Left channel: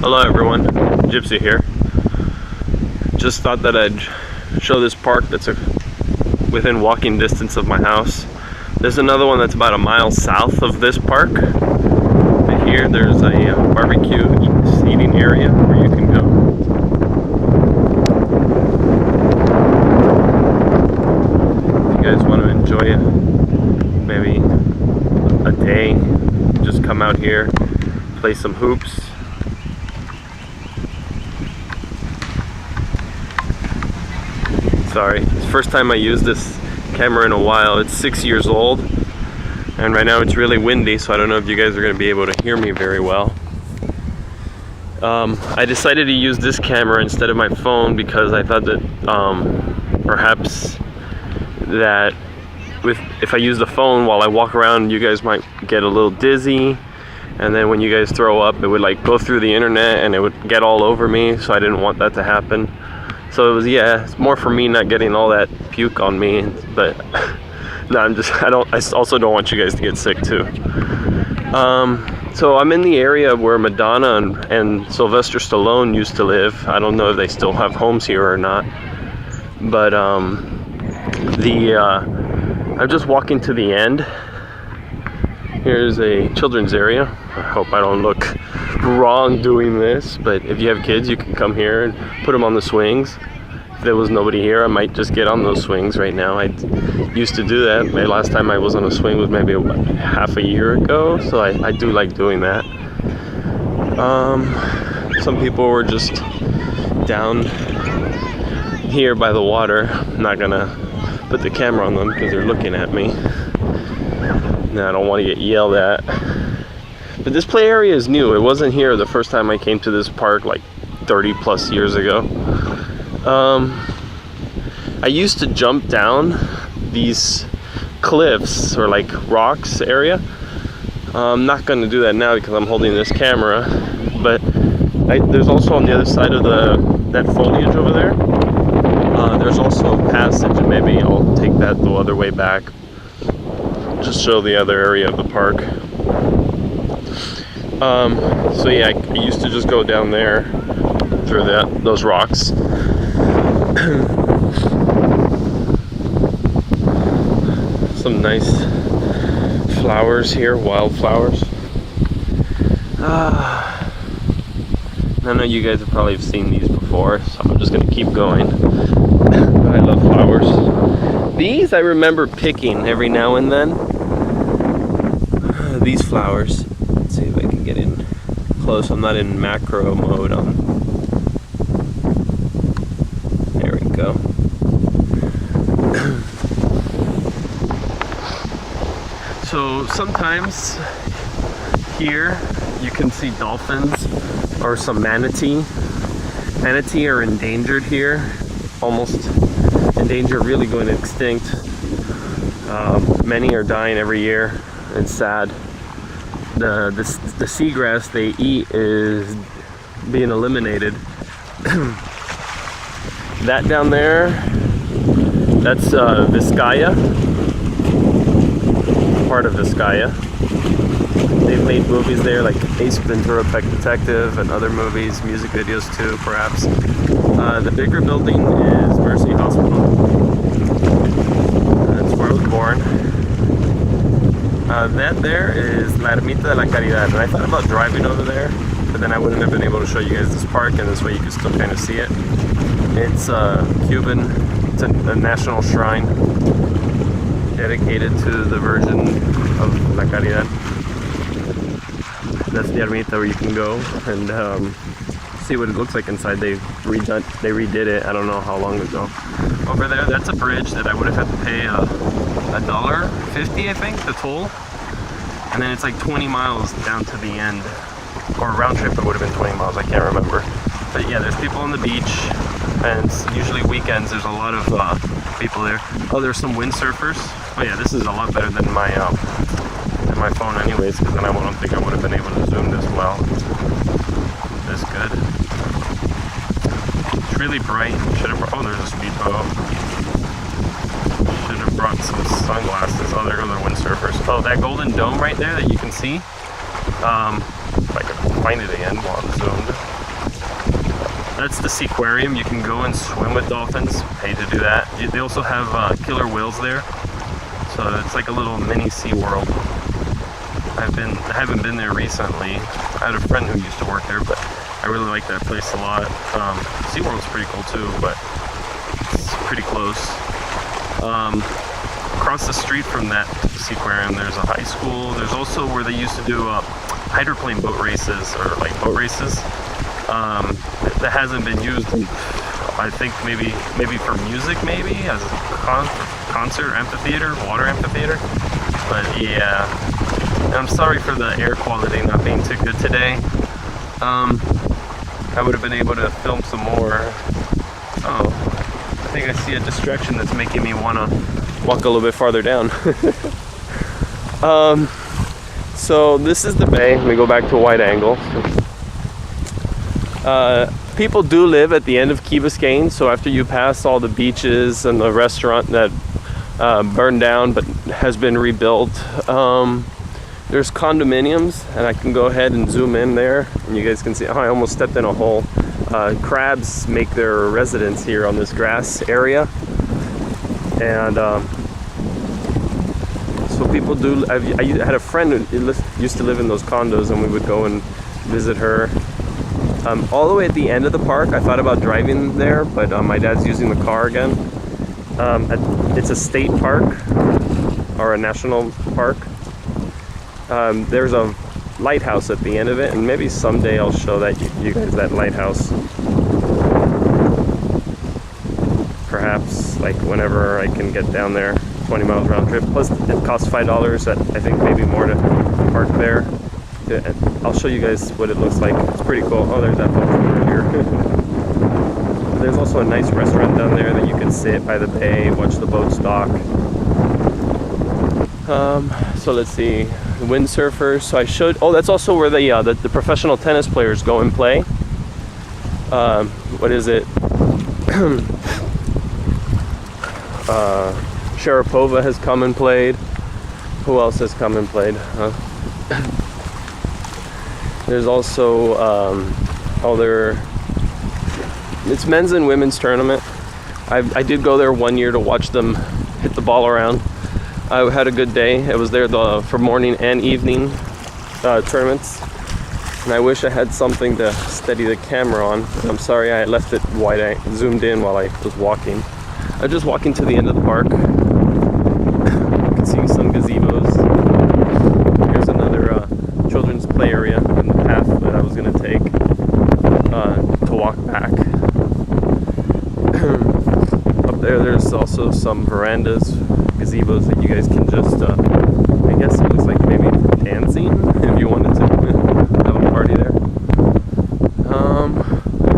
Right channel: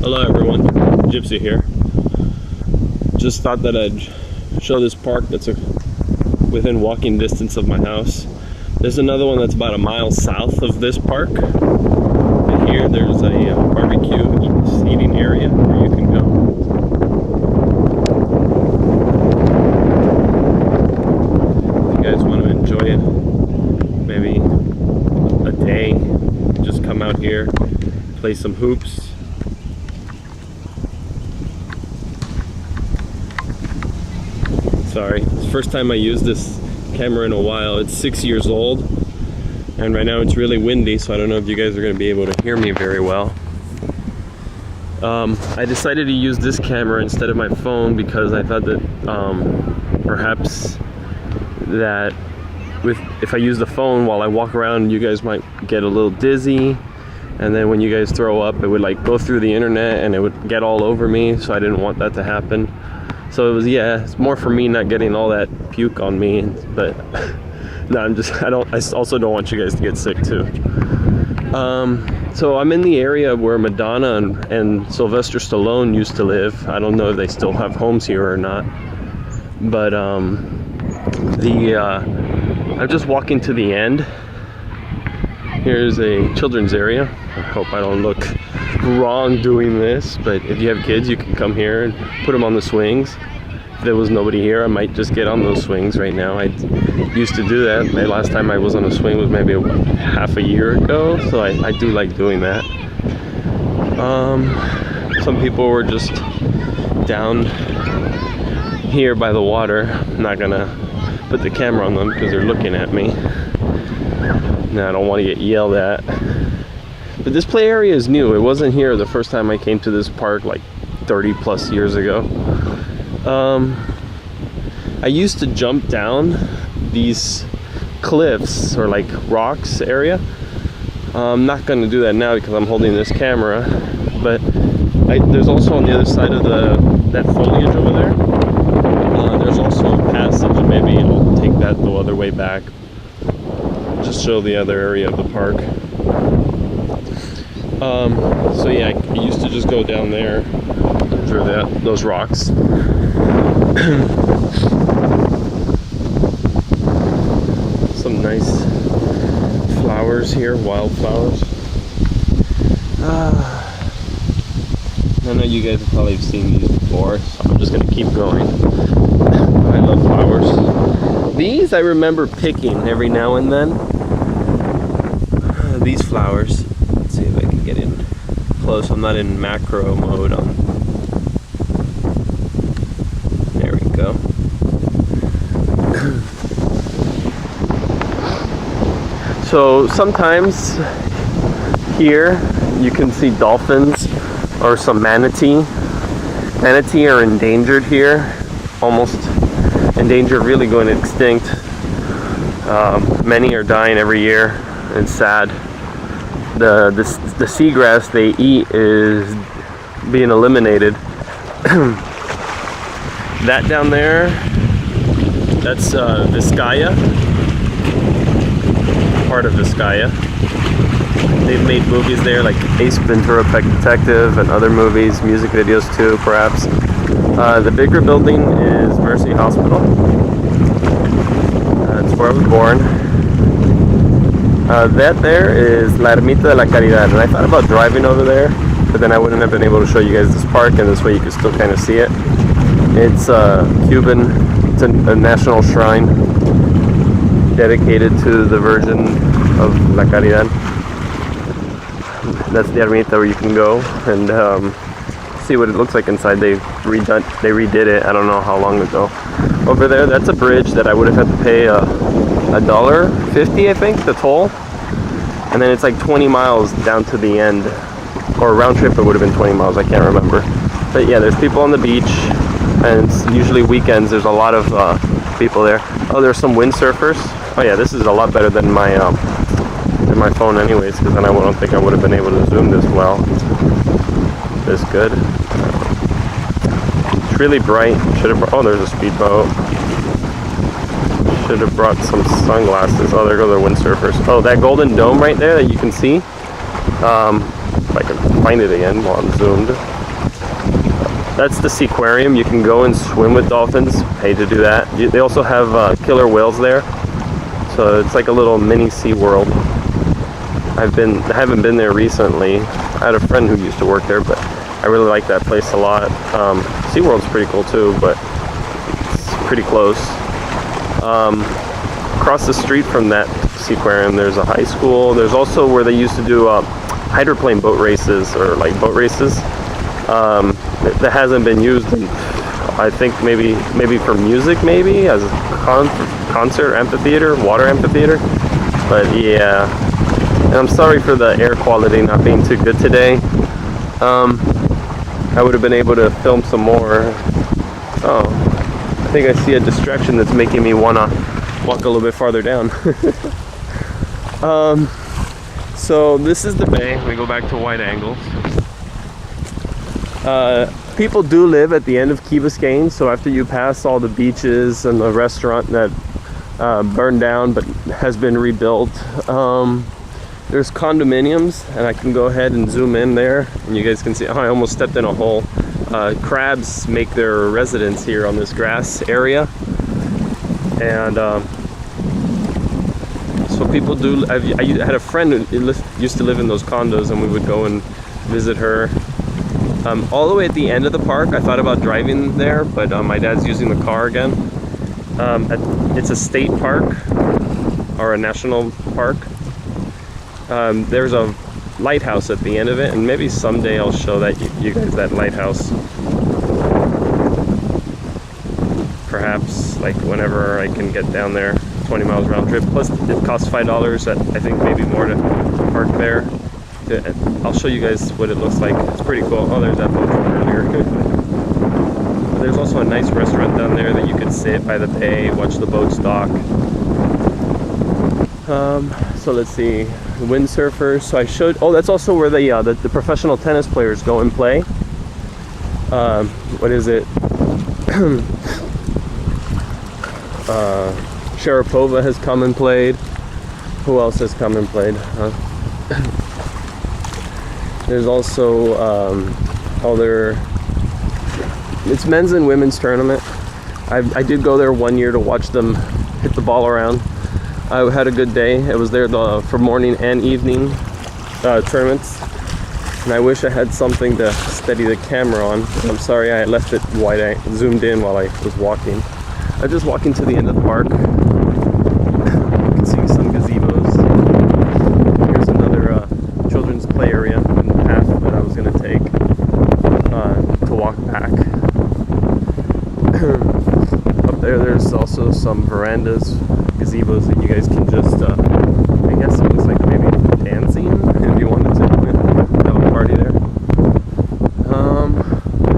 Hello everyone, Gypsy here. Just thought that I'd show this park that's within walking distance of my house. There's another one that's about a mile south of this park. Right here there's a barbecue eating area where you can go. If you guys want to enjoy maybe a day, just come out here, play some hoops. Sorry, it's the first time I used this camera in a while. It's 6 years old, and right now it's really windy, so I don't know if you guys are going to be able to hear me very well. I decided to use this camera instead of my phone because I thought that perhaps that if I use the phone while I walk around, you guys might get a little dizzy, and then when you guys throw up, it would like go through the internet and it would get all over me, so I didn't want that to happen. So it was, it's more for me not getting all that puke on me, but no, I also don't want you guys to get sick too. So I'm in the area where Madonna and Sylvester Stallone used to live. I don't know if they still have homes here or not, but I'm just walking to the end. Here's a children's area. I hope I don't look wrong doing this, but if you have kids, you can come here and put them on the swings. If there was nobody here, I might just get on those swings right now. I used to do that. My last time I was on a swing was maybe half a year ago, so I do like doing that. Some people were just down here by the water. I'm not gonna put the camera on them because they're looking at me. No, I don't want to get yelled at. But this play area is new. It wasn't here the first time I came to this park like 30 plus years ago. I used to jump down these cliffs or like rocks area. I'm not going to do that now because I'm holding this camera, but there's also on the other side of that foliage over there, there's also a passage, and maybe I'll take that the other way back, just show the other area of the park. So yeah, I used to just go down there through those rocks. Some nice flowers here, wildflowers. I know you guys have probably seen these before, so I'm just gonna keep going. But I love flowers. These I remember picking every now and then. These flowers. Let's see if I can get in close. I'm not in macro mode on. There we go. So sometimes here you can see dolphins or some manatee. Manatee are endangered here, almost in danger of really going extinct. Many are dying every year. It's sad. The seagrass they eat is being eliminated. That down there, that's Vizcaya, part of Vizcaya. They've made movies there like Ace Ventura, Pet Detective, and other movies, music videos too, perhaps. The bigger building is Mercy Hospital. That's where I was born. That there is La Ermita de la Caridad, and I thought about driving over there, but then I wouldn't have been able to show you guys this park, and this way you can still kind of see it. It's Cuban. It's a national shrine dedicated to the Virgin of La Caridad. That's the Ermita where you can go and see what it looks like inside. They redid it. I don't know how long ago. Over there, that's a bridge that I would have had to pay $1.50, I think, the toll. And then it's like 20 miles down to the end, or round trip it would have been 20 miles, I can't remember. But yeah, there's people on the beach, and it's usually weekends. There's a lot of people there. Oh, there's some windsurfers. Oh yeah, this is a lot better than my phone anyways, because then I don't think I would have been able to zoom this well. This good. It's really bright. Oh, there's a speedboat. Should have brought some sunglasses. Oh, there go the windsurfers. Oh, that golden dome right there that you can see. if I can find it again while I'm zoomed. That's the Seaquarium. You can go and swim with dolphins. Pay to do that. They also have killer whales there, so it's like a little mini Sea World. I haven't been there recently. I had a friend who used to work there, but I really like that place a lot. Sea World's pretty cool too, but it's pretty close. Across the street from that Seaquarium, there's a high school. There's also where they used to do hydroplane boat races, or like boat races. That hasn't been used in, I think maybe for music, maybe as a concert amphitheater, water amphitheater. But yeah, and I'm sorry for the air quality not being too good today. I would have been able to film some more. Oh, I think I see a distraction that's making me want to walk a little bit farther down. So this is the bay. Let me go back to wide angle. People do live at the end of Key Biscayne, so after you pass all the beaches and the restaurant that burned down but has been rebuilt, there's condominiums, and I can go ahead and zoom in there, and you guys can see, oh, I almost stepped in a hole. Crabs make their residence here on this grass area, and so people do. I had a friend who used to live in those condos, and we would go and visit her. All the way at the end of the park, I thought about driving there, but my dad's using the car again. It's a state park, or a national park. There's a lighthouse at the end of it, and maybe someday I'll show that you guys that lighthouse. Perhaps like whenever I can get down there, 20 miles round trip. Plus it costs $5, I think maybe more to park there. I'll show you guys what it looks like. It's pretty cool. Oh, there's that boat from earlier. But there's also a nice restaurant down there that you can sit by the bay, watch the boats dock. So let's see, windsurfers. So I showed. Oh, that's also where the professional tennis players go and play. What is it? Sharapova has come and played. Who else has come and played? There's also it's men's and women's tournament. I did go there one year to watch them hit the ball around. I had a good day. It was there for morning and evening tournaments, and I wish I had something to steady the camera on. I'm sorry I left it zoomed in while I was walking. I was just walking to the end of the park. You can see some gazebos. Here's another children's play area in the path that I was going to take to walk back. Up there's also some verandas, gazebos that you guys can just, I guess it looks like maybe dancing if you wanted to have a party there.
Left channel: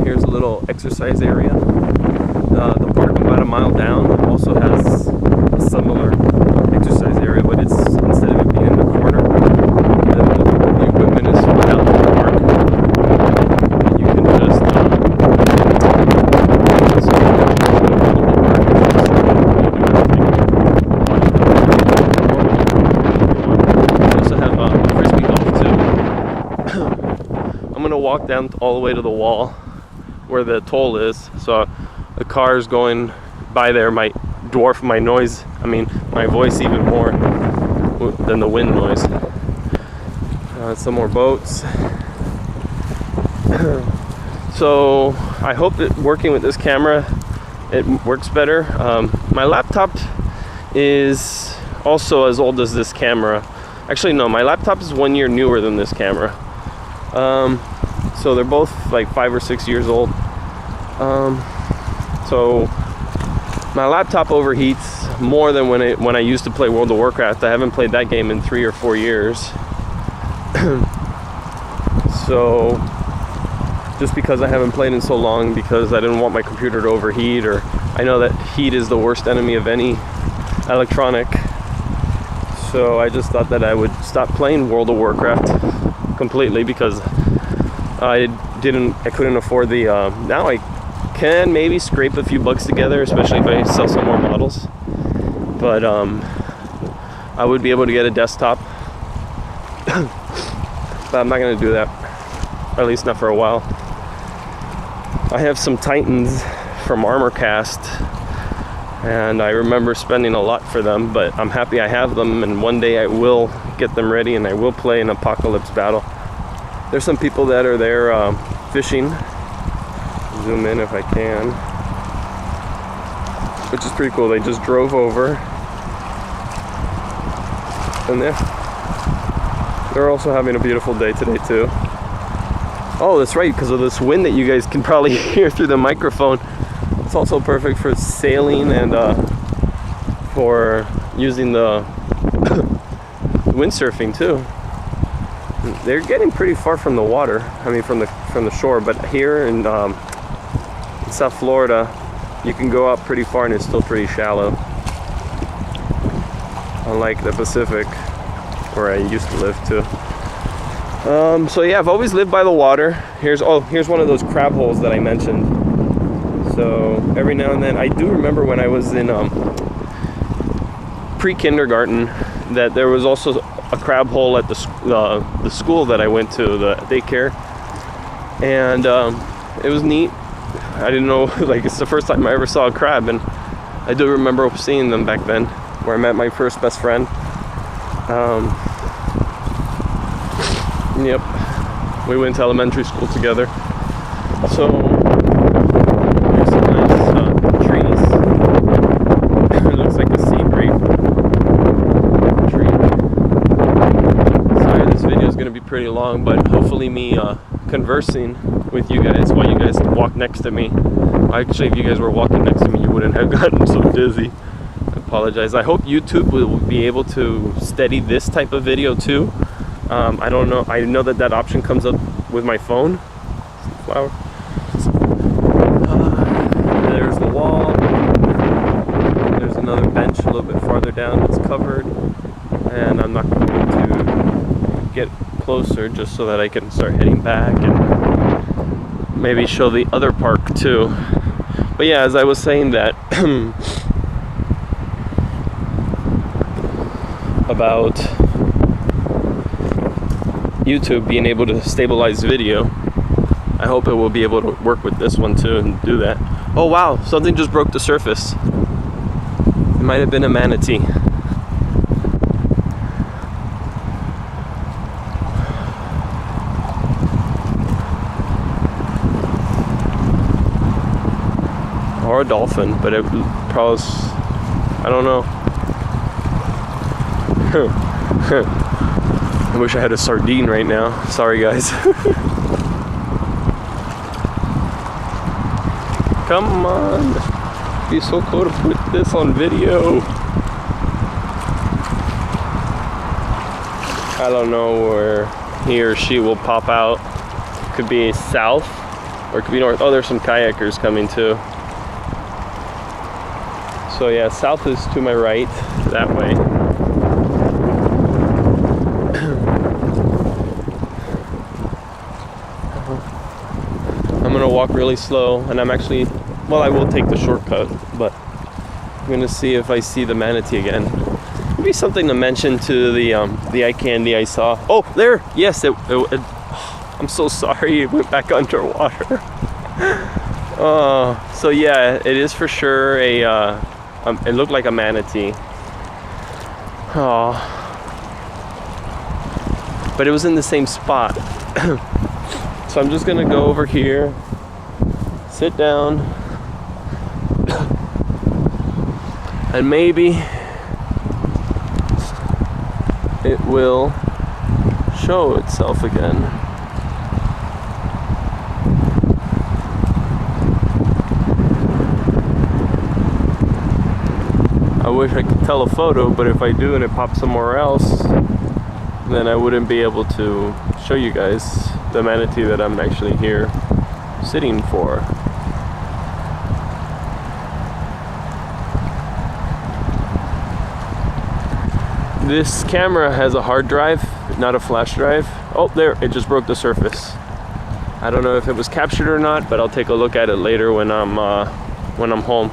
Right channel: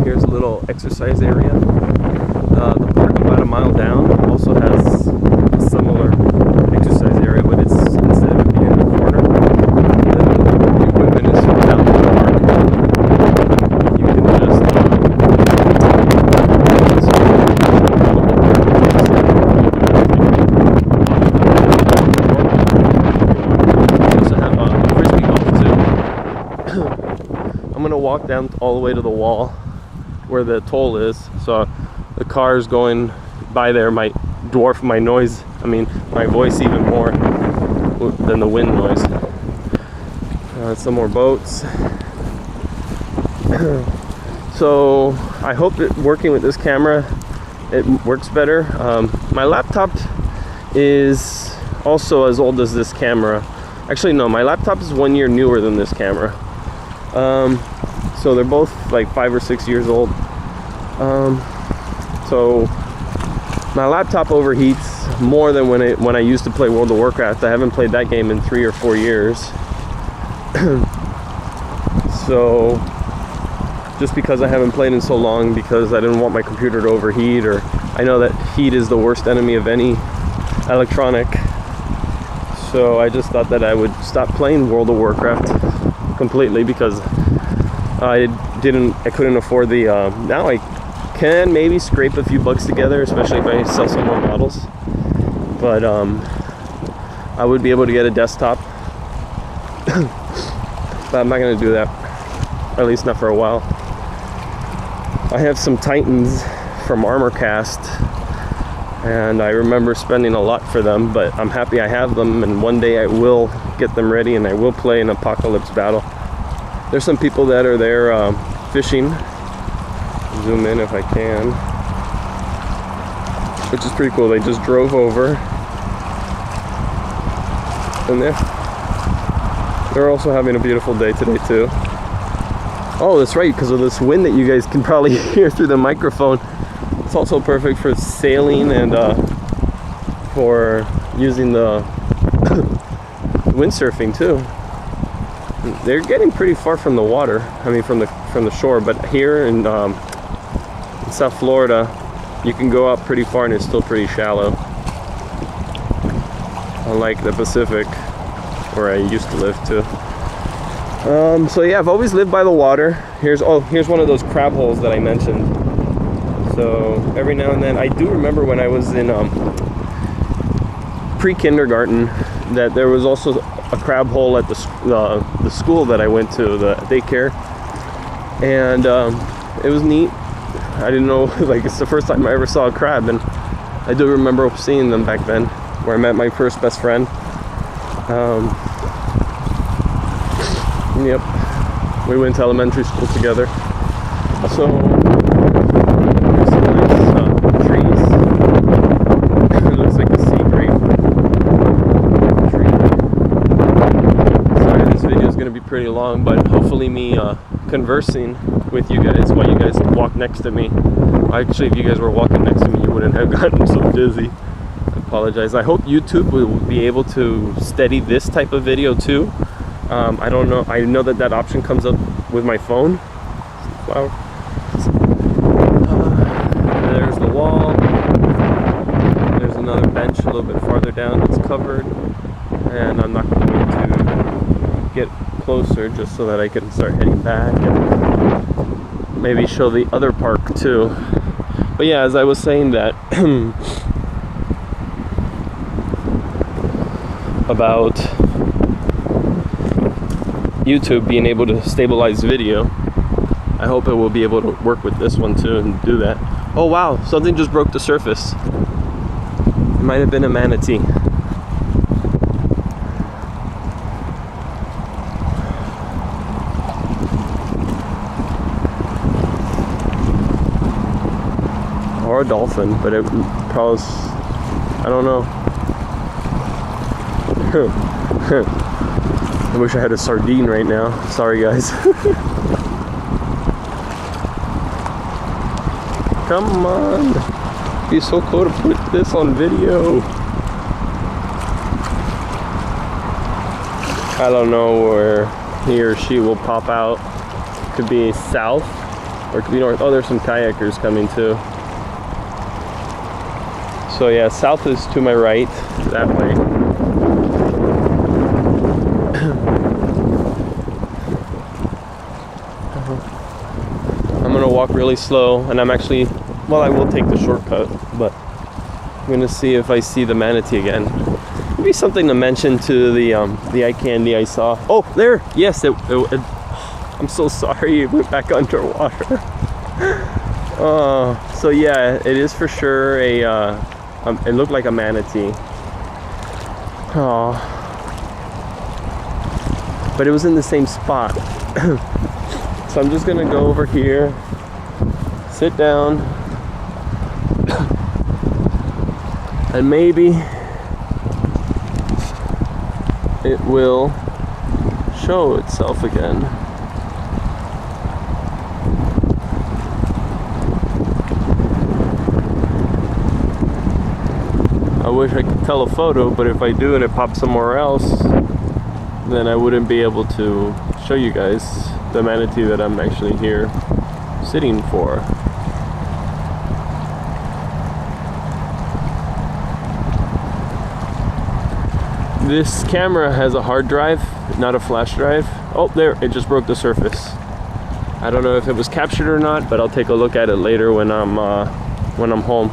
Here's a little exercise area. The park about a mile down also has a similar exercise area, but it's, instead of it being in the corner, the equipment is spread out in the park. You can just go around the whole park with the circuit. You do everything while you're running, or walk around the park if you want. You also have frisbee golf too. I'm gonna walk down all the way to the wall where the toll is, so the cars going by there might dwarf my noise, my voice even more than the wind noise. Some more boats. So I hope that working with this camera, it works better. My laptop is also as old as this camera. Actually, no, my laptop is 1 year newer than this camera. So they're both like 5 or 6 years old. So my laptop overheats more than when I used to play World of Warcraft. I haven't played that game in 3 or 4 years. So just because I haven't played in so long, because I didn't want my computer to overheat, or I know that heat is the worst enemy of any electronic. So I just thought that I would stop playing World of Warcraft completely, because I couldn't afford the now I can maybe scrape a few bucks together, especially if I sell some more models, but I would be able to get a desktop. but I'm not gonna do that, at least not for a while. I have some Titans from ArmorCast, and I remember spending a lot for them, but I'm happy I have them, and one day I will get them ready and I will play an apocalypse battle. There's some people that are there fishing. Zoom in if I can, which is pretty cool. They just drove over, and they're also having a beautiful day today too. Oh, that's right, because of this wind that you guys can probably hear through the microphone. It's also perfect for sailing and for using the windsurfing too. They're getting pretty far from the water. I mean, from the shore. But here in South Florida, you can go out pretty far and it's still pretty shallow. Unlike the Pacific, where I used to live too. So yeah, I've always lived by the water. Here's one of those crab holes that I mentioned. So every now and then, I do remember when I was in pre-kindergarten that there was also a crab hole at the school that I went to, the daycare, and it was neat. I didn't know, like, it's the first time I ever saw a crab, and I do remember seeing them back then, where I met my first best friend. Yep, we went to elementary school together. So there's some nice trees. It looks like a sea grape type tree. Sorry, this video is going to be pretty long, but hopefully me conversing with you guys while you guys walk next to me. Actually, if you guys were walking next to me, you wouldn't have gotten so dizzy. I apologize. I hope YouTube will be able to steady this type of video too. I don't know. I know that option comes up with my phone. Flower. There's the wall. There's another bench a little bit farther down that's covered, and I'm not going to get closer just so that I can start heading back and maybe show the other park too. But yeah, as I was saying that about YouTube being able to stabilize video, I hope it will be able to work with this one too and do that. Oh wow, something just broke the surface. It might have been a manatee. Or a dolphin, but it probably, I don't know. I wish I had a sardine right now. Sorry guys. Come on. It'd be so cool to put this on video. I don't know where he or she will pop out. Could be south or it could be north. Oh, there's some kayakers coming too. So yeah, south is to my right, that way. I'm gonna walk really slow, and I'm actually, well, I will take the shortcut, but I'm gonna see if I see the manatee again. Maybe something to mention to the eye candy I saw. Oh, there! Yes, I'm so sorry, it went back underwater. So yeah, it is for sure it looked like a manatee. Oh, but it was in the same spot. So I'm just gonna go over here, sit down, and maybe it will show itself again. I wish I could tell a photo, but if I do and it pops somewhere else, then I wouldn't be able to show you guys the manatee that I'm actually here sitting for. This camera has a hard drive, not a flash drive. Oh, there, it just broke the surface. I don't know if it was captured or not, but I'll take a look at it later when I'm home.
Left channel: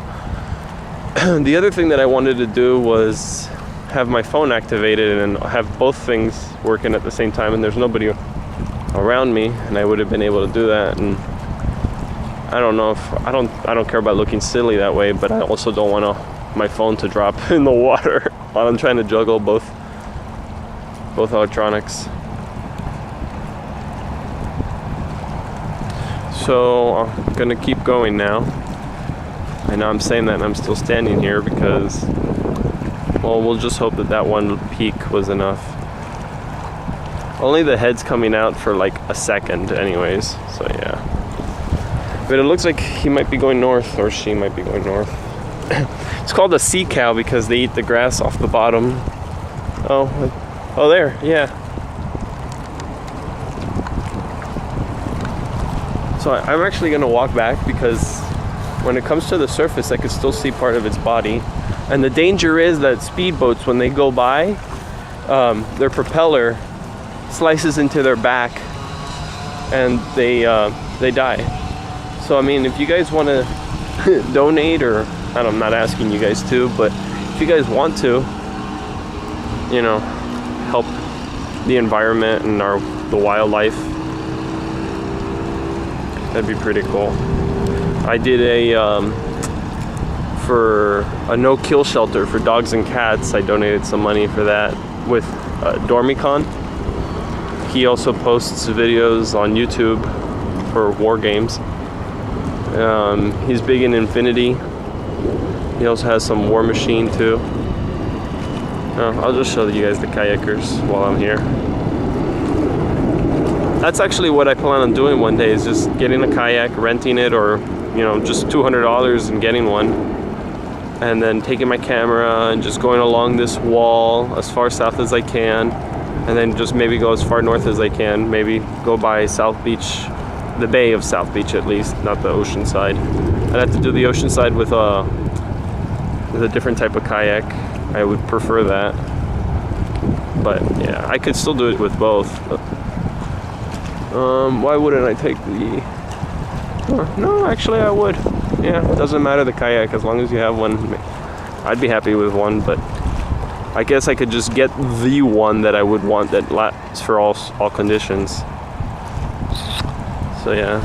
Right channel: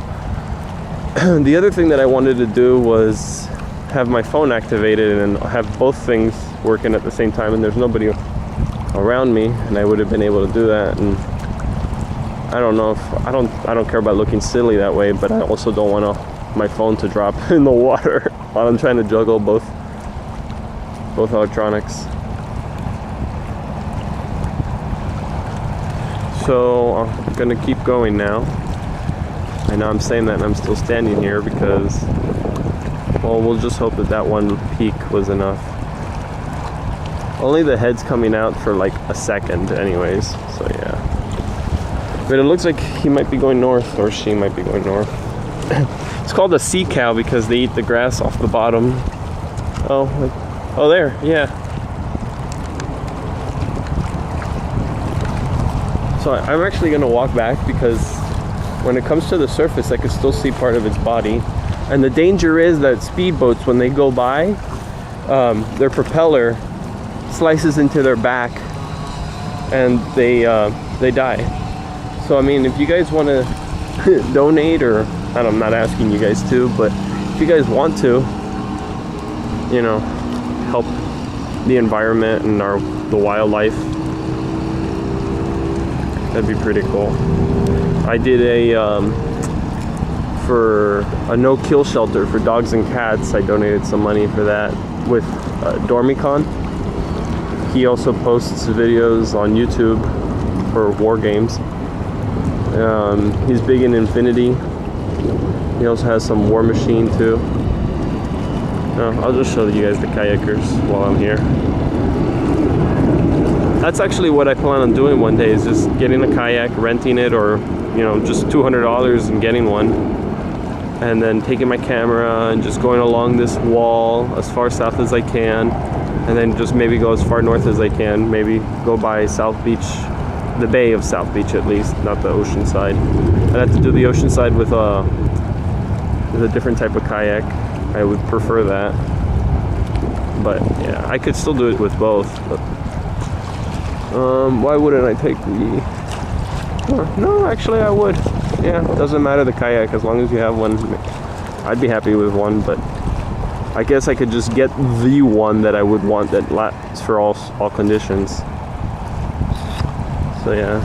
The other thing that I wanted to do was have my phone activated and have both things working at the same time, and there's nobody around me, and I would have been able to do that. And I don't know if I don't care about looking silly that way, but I also don't want my phone to drop in the water while I'm trying to juggle both electronics. So I'm gonna keep going now. I know I'm saying that and I'm still standing here because, well, we'll just hope that one peak was enough. Only the head's coming out for like a second anyways, so yeah. But it looks like he might be going north, or she might be going north. It's called a sea cow because they eat the grass off the bottom. Oh, there, yeah. So I'm actually gonna walk back because when it comes to the surface, I can still see part of its body. And the danger is that speedboats, when they go by, their propeller slices into their back and they die. So I mean, if you guys want to donate, or I'm not asking you guys to, but if you guys want to, you know, help the environment and the wildlife, that'd be pretty cool. I did for a no-kill shelter for dogs and cats. I donated some money for that with Dormicon. He also posts videos on YouTube for war games. He's big in Infinity. He also has some War Machine too. I'll just show you guys the kayakers while I'm here. That's actually what I plan on doing one day, is just getting a kayak, renting it, or just $200 and getting one, and then taking my camera and just going along this wall as far south as I can, and then just maybe go as far north as I can, maybe go by South Beach, the bay of South Beach at least, not the ocean side. I'd have to do the ocean side with a different type of kayak. I would prefer that, but yeah, I could still do it with both. But, why wouldn't I take the... No, actually I would. Yeah, doesn't matter the kayak as long as you have one. I'd be happy with one, but I guess I could just get the one that I would want that lasts for all conditions. So yeah.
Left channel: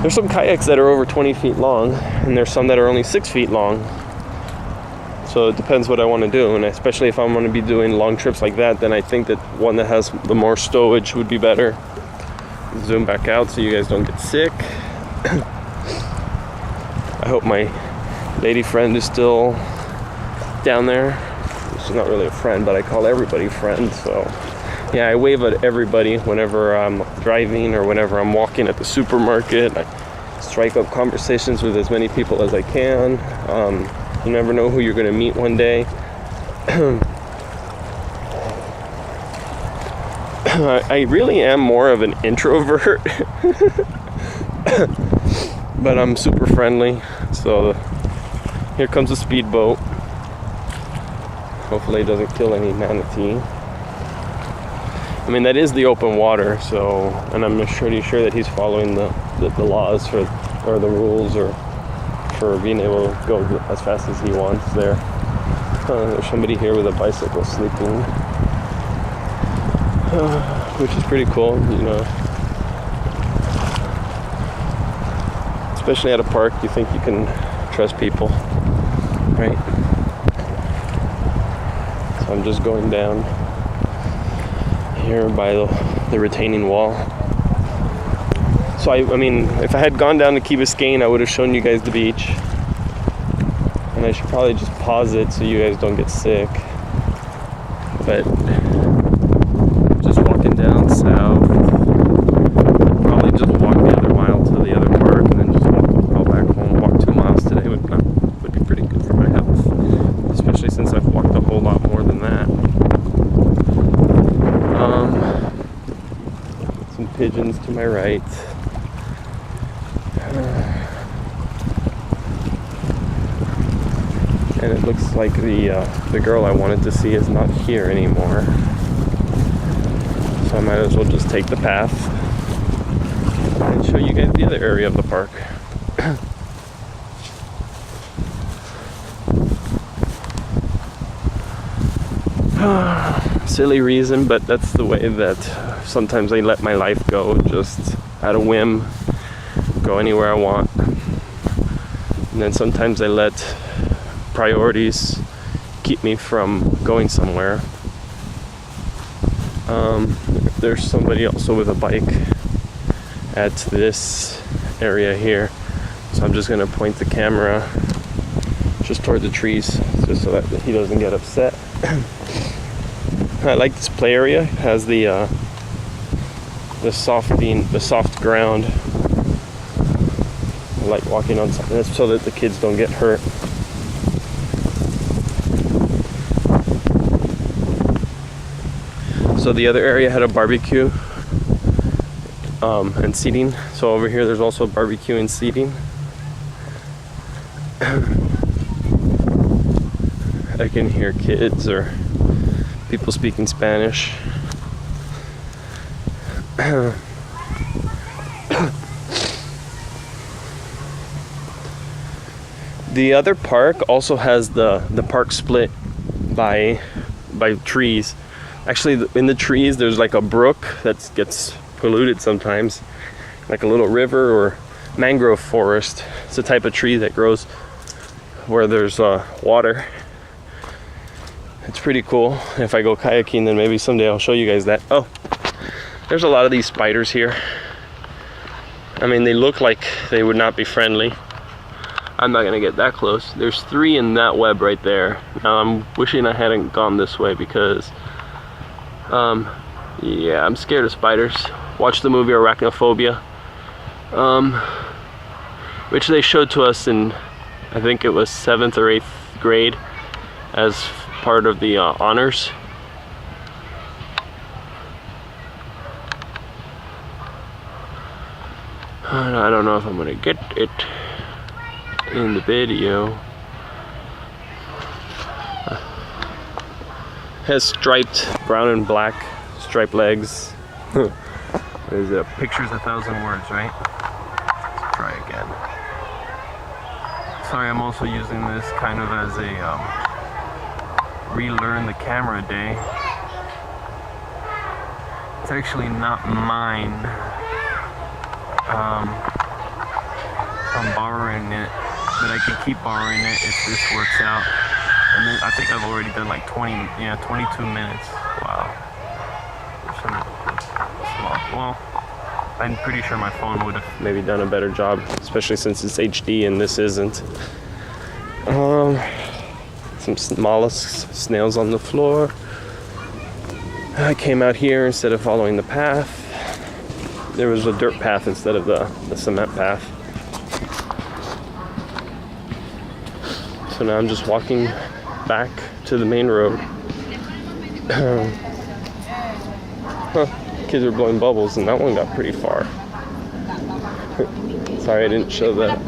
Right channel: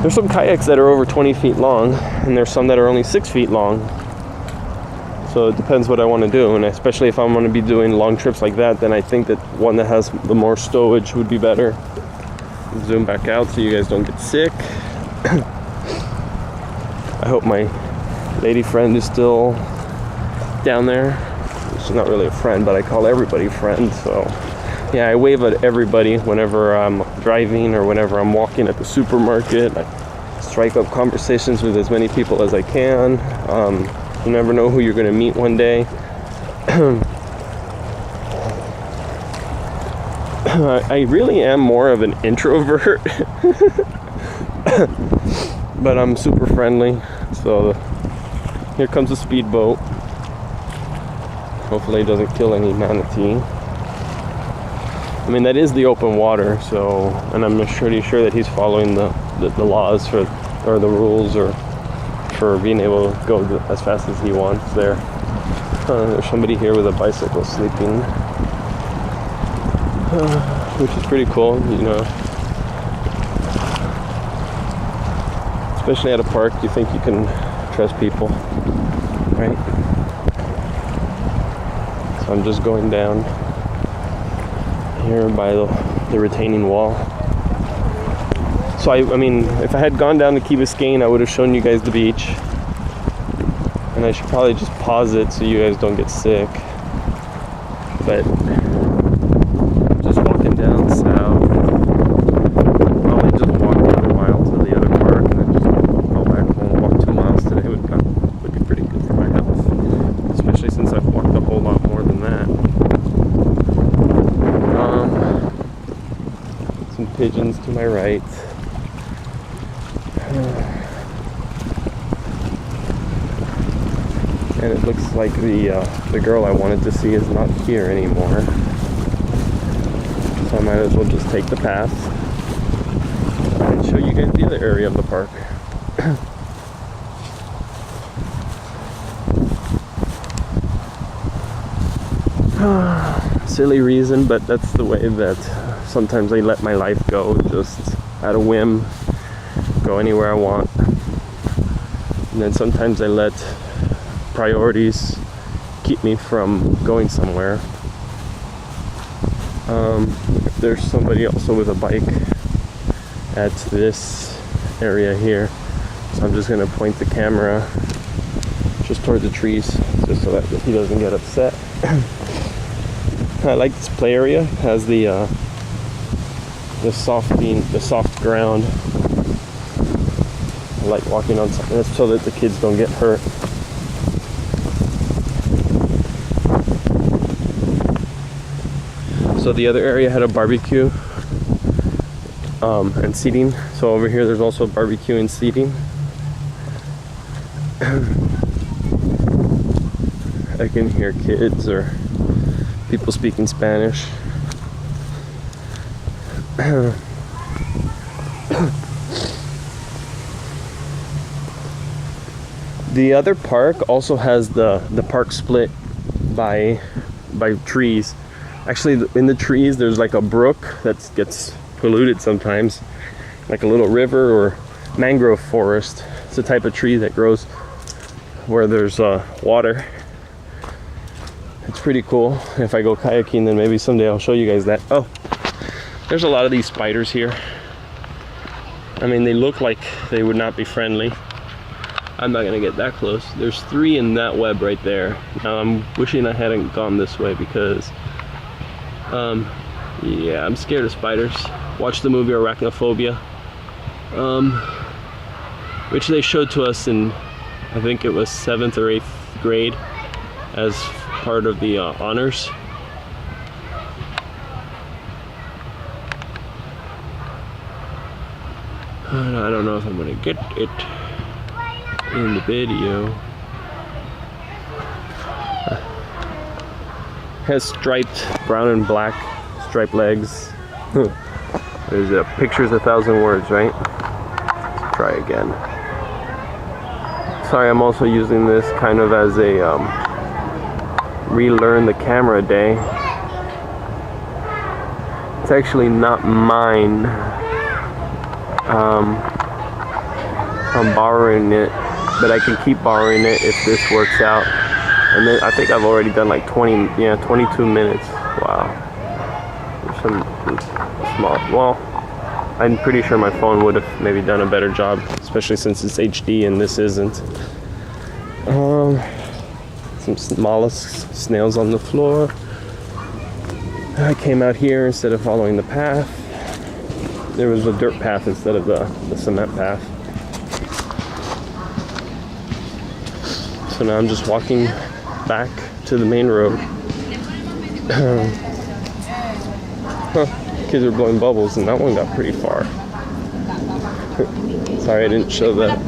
There's some kayaks that are over 20 feet long, and there's some that are only 6 feet long. So it depends what I want to do, and especially if I'm going to be doing long trips like that, then I think that one that has the more stowage would be better. Zoom back out so you guys don't get sick. I hope my lady friend is still down there. She's not really a friend, but I call everybody friend, so yeah, I wave at everybody whenever I'm driving or whenever I'm walking at the supermarket. I strike up conversations with as many people as I can. You never know who you're going to meet one day. I really am more of an introvert, but I'm super friendly. So here comes a speedboat. Hopefully it doesn't kill any manatee. I mean, that is the open water, so, and I'm pretty sure that he's following the laws or the rules or for being able to go as fast as he wants there. There's somebody here with a bicycle sleeping, which is pretty cool, especially at a park. You think you can trust people, right? So I'm just going down here by the retaining wall. So I mean, if I had gone down to Key Biscayne, I would have shown you guys the beach. And I should probably just pause it so you guys don't get sick. But just walking down south. Probably just walk the other mile to the other park and then just walk back home. Walk 2 miles today would be pretty good for my health. Especially since I've walked a whole lot more than that. Some pigeons to my right. And it looks like the girl I wanted to see is not here anymore. So I might as well just take the path and show you guys the other area of the park. silly reason, but that's the way that sometimes I let my life go, just at a whim, go anywhere I want. And then sometimes I let priorities keep me from going somewhere. There's somebody also with a bike at this area here, so I'm just gonna point the camera just toward the trees, just so that he doesn't get upset. I like this play area. It has the soft ground. I like walking on something so that the kids don't get hurt. So the other area had a barbecue and seating. So over here there's also barbecue and seating. I can hear kids or people speaking Spanish. The other park also has the park split by trees. Actually, in the trees there's like a brook that gets polluted sometimes, like a little river or mangrove forest. It's a type of tree that grows where there's water. It's pretty cool. If I go kayaking, then maybe someday I'll show you guys that. Oh, there's a lot of these spiders here. I mean, they look like they would not be friendly. I'm not gonna get that close. There's 3 in that web right there. Now I'm wishing I hadn't gone this way because yeah, I'm scared of spiders. Watched the movie Arachnophobia, which they showed to us in, I think it was 7th or 8th grade as part of the honors. I don't know if I'm gonna get it in the video. Has striped brown and black striped legs. There's a picture's 1,000 words, right? Let's try again. Sorry, I'm also using this kind of as a relearn the camera day. It's actually not mine. I'm borrowing it, but I can keep borrowing it if this works out. And then I think I've already done like 22 minutes. Wow. There's some small, well, I'm pretty sure my phone would have maybe done a better job, especially since it's HD and this isn't. Some mollusks, snails on the floor. I came out here instead of following the path. There was a dirt path instead of the cement path. So now I'm just walking back to the main road. Kids are blowing bubbles and that one got pretty far. Sorry I didn't show that.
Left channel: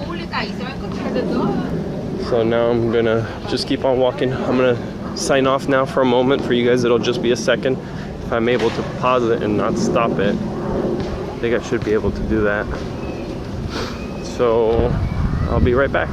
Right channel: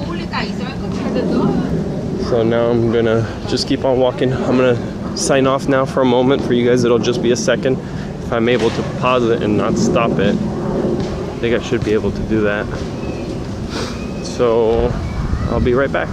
So now I'm gonna just keep on walking. I'm gonna sign off now for a moment. For you guys it'll just be a second. If I'm able to pause it and not stop it, I think I should be able to do that. So I'll be right back.